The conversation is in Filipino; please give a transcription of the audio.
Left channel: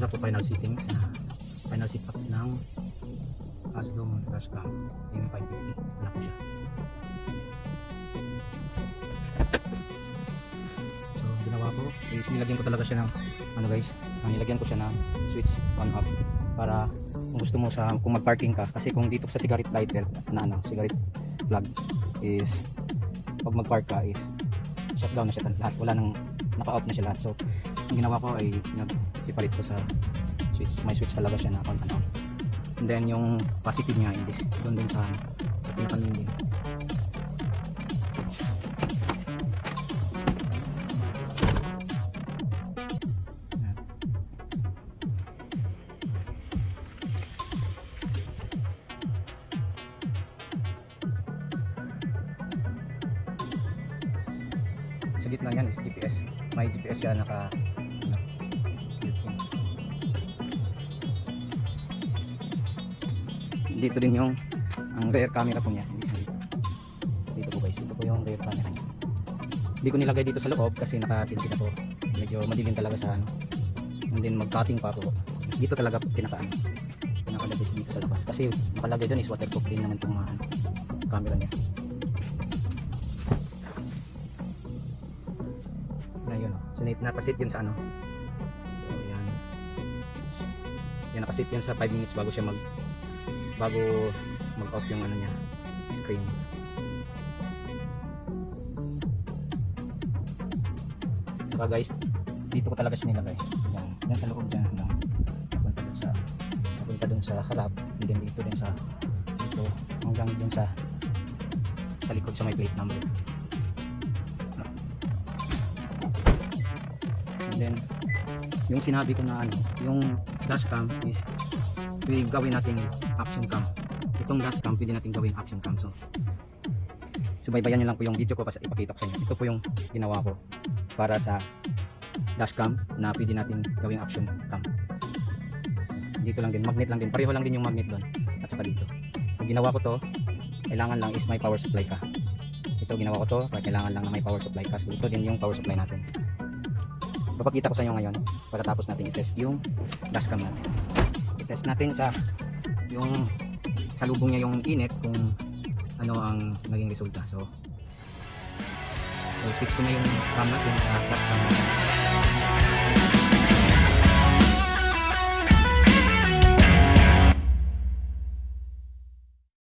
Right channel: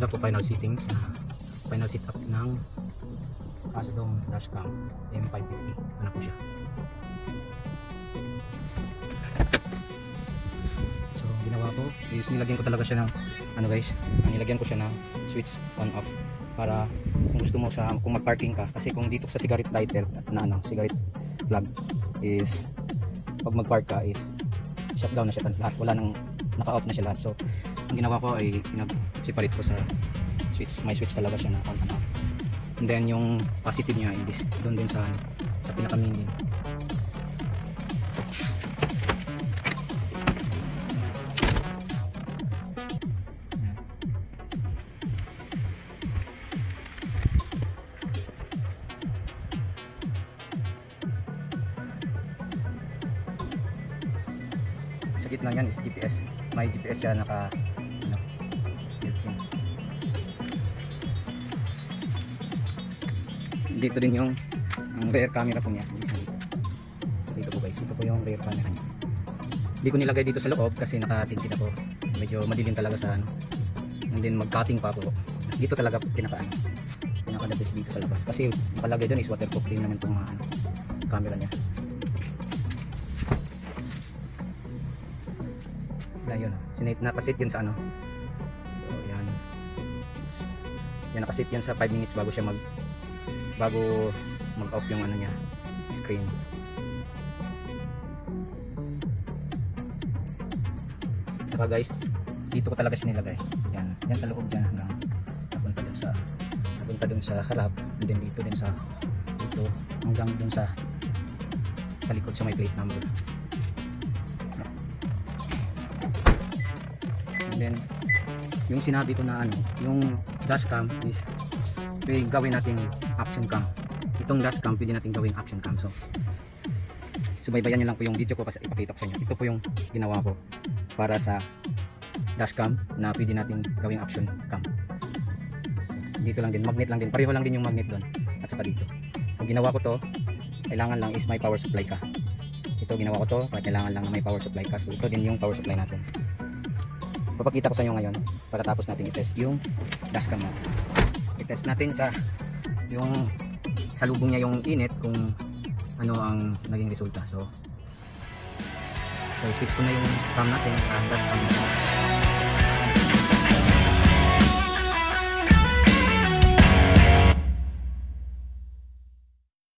Ito po final settings, final setup ng AZDOME Dashcam M550. Ano po siya? So ginawa ko is nilagyan ko talaga siya ng ano guys, nilagyan ko siya na switch on off para kung gusto mo siya, kung mag-parking ka, kasi kung dito sa cigarette lighter na cigarette plug is pag mag-park ka is shutdown na siya lahat, wala nang naka-off na siya lahat. So ang ginawa ko ay nag-separate ko sa switch, may switch talaga siya na on. And then yung positive niya is doon din sa pinaka-main din. Sa gitna niyan is GPS, may GPS siya naka dito din yung rear camera po niya. Dito po guys, ito po yung rear camera. Hindi ko nilagay dito sa loob kasi naka-tinted po. Medyo madilim talaga sa ano. And then mag-cutting pa po. Dito talaga pinaka-labis dito sa labas. Kasi yung palagay doon is waterproof din naman itong camera niya. Yan yun. Napasit yun sa ano. So, yan. Yan, nakasit yan sa 5 minutes bago siya mag-off yung ano niya, screen. Saka guys, dito ko talaga sinilagay. Yan sa loob dyan na napunta dun sa harap, and then dito din sa dito hanggang dun sa likod sa may plate number. And then yung sinabi ko na ano, yung dashcam is gawin natin action cam. Itong dashcam pwede natin gawin action cam. So subaybayan nyo lang po yung video ko, basta ipakita ko sa inyo. Ito po yung ginawa ko para sa dashcam na pwede natin gawin action cam. So, dito lang din, magnet lang din, pareho lang din yung magnet doon at saka dito. So ginawa ko to, kailangan lang is may power supply ka. Ito ginawa ko to, kailangan lang na may power supply ka. So ito din yung power supply natin. Papakita ko sa inyo ngayon pagkatapos natin i-test yung dashcam natin. I-test natin sa lubong niya yung init kung ano ang naging resulta. So switch ko na yung cam natin, dashcam.